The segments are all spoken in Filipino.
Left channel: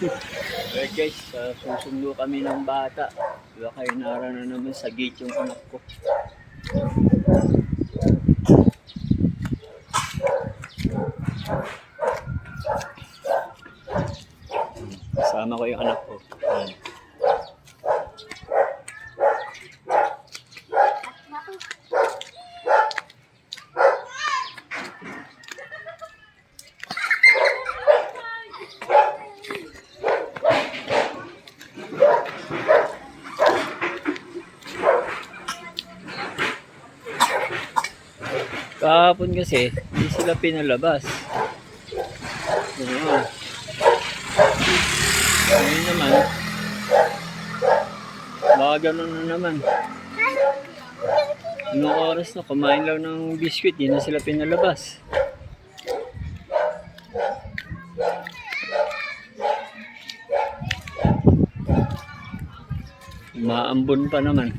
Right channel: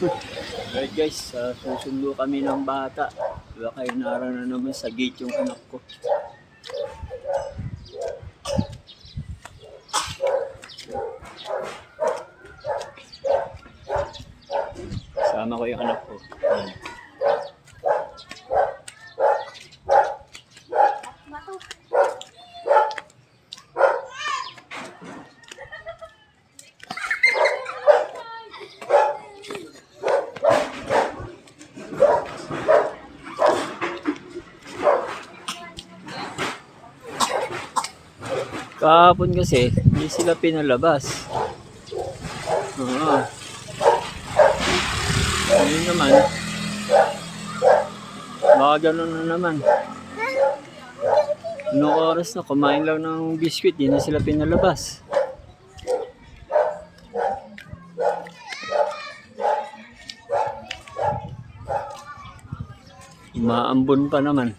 Alright guys, susundo kami ng bata. Baka inara na naman sa gate yung anak ko. Kasama ko yung anak ko. Ayan. Kahapon kasi, hindi sila pinalabas. Ngayon naman, baka ganun na naman. Anong oras na, kumain lang ng biscuit, hindi na sila pinalabas. Maambon pa naman.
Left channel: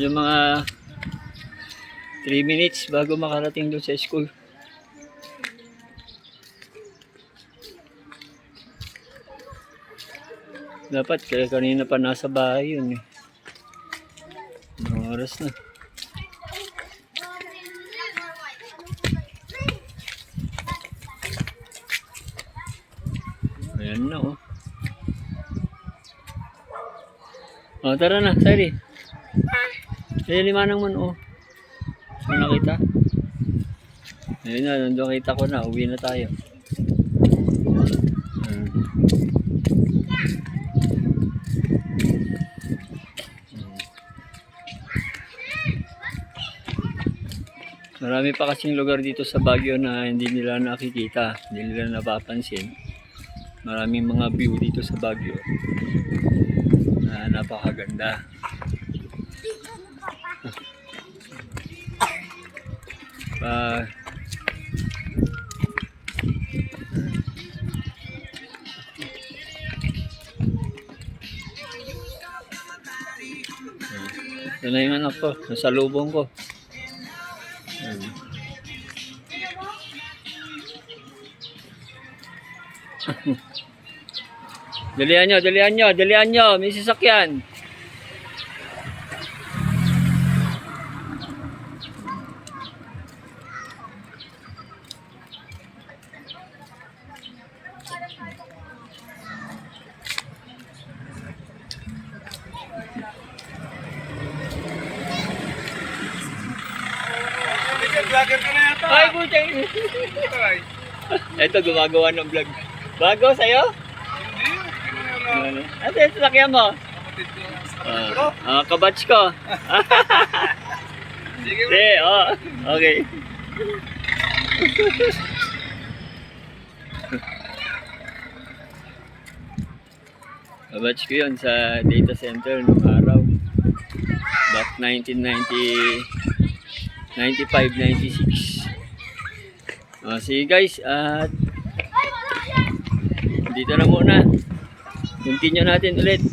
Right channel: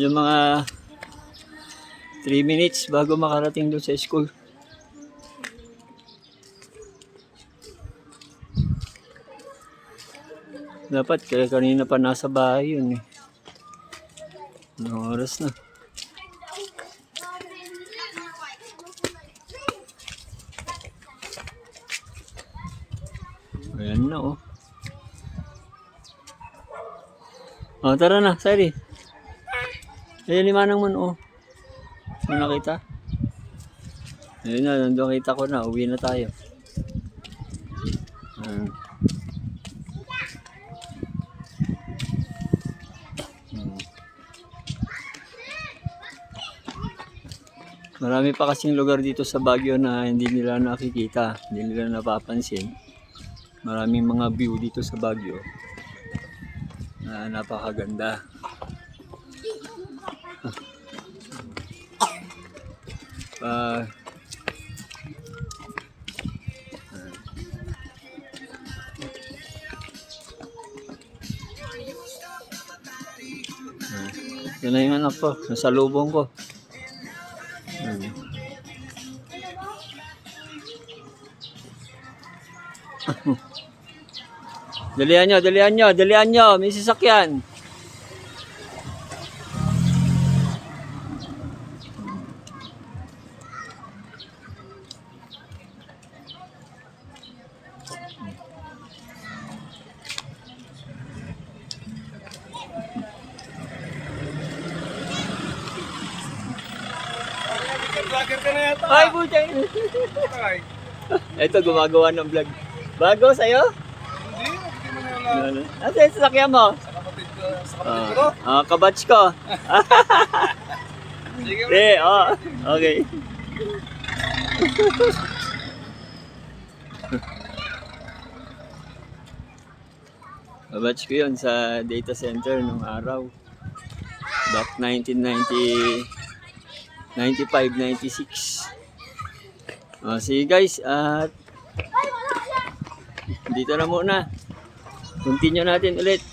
Yung mga 3 minutes bago makarating doon sa school. Dapat kanina pa nasa bahay yun eh. Anong oras na? Ayan na oh. Oh, tara na, Sari. Ayan ni Manang man oh. Ano nakita? Ayun na, nandun kita ko na. Uwi na tayo. Marami pa kasing lugar dito sa Baguio na hindi nila nakikita. Hindi nila napapansin. Maraming mga view dito sa Baguio na napakaganda. Ito na yung anak ko, nasa lubong ko. Dalihan nyo, may sasakyan. Vlogger ka na yata. Ay, butang. Ito, gumagawa ng vlog. Bago sa'yo? Hindi. Ano yung sasakyan mo? Kapatid ko. Kabatch ko. Sige. Okay. Kabatch ko yun sa data center nung araw. Back 95-96. Sige guys, at dito na muna. Continue natin ulit.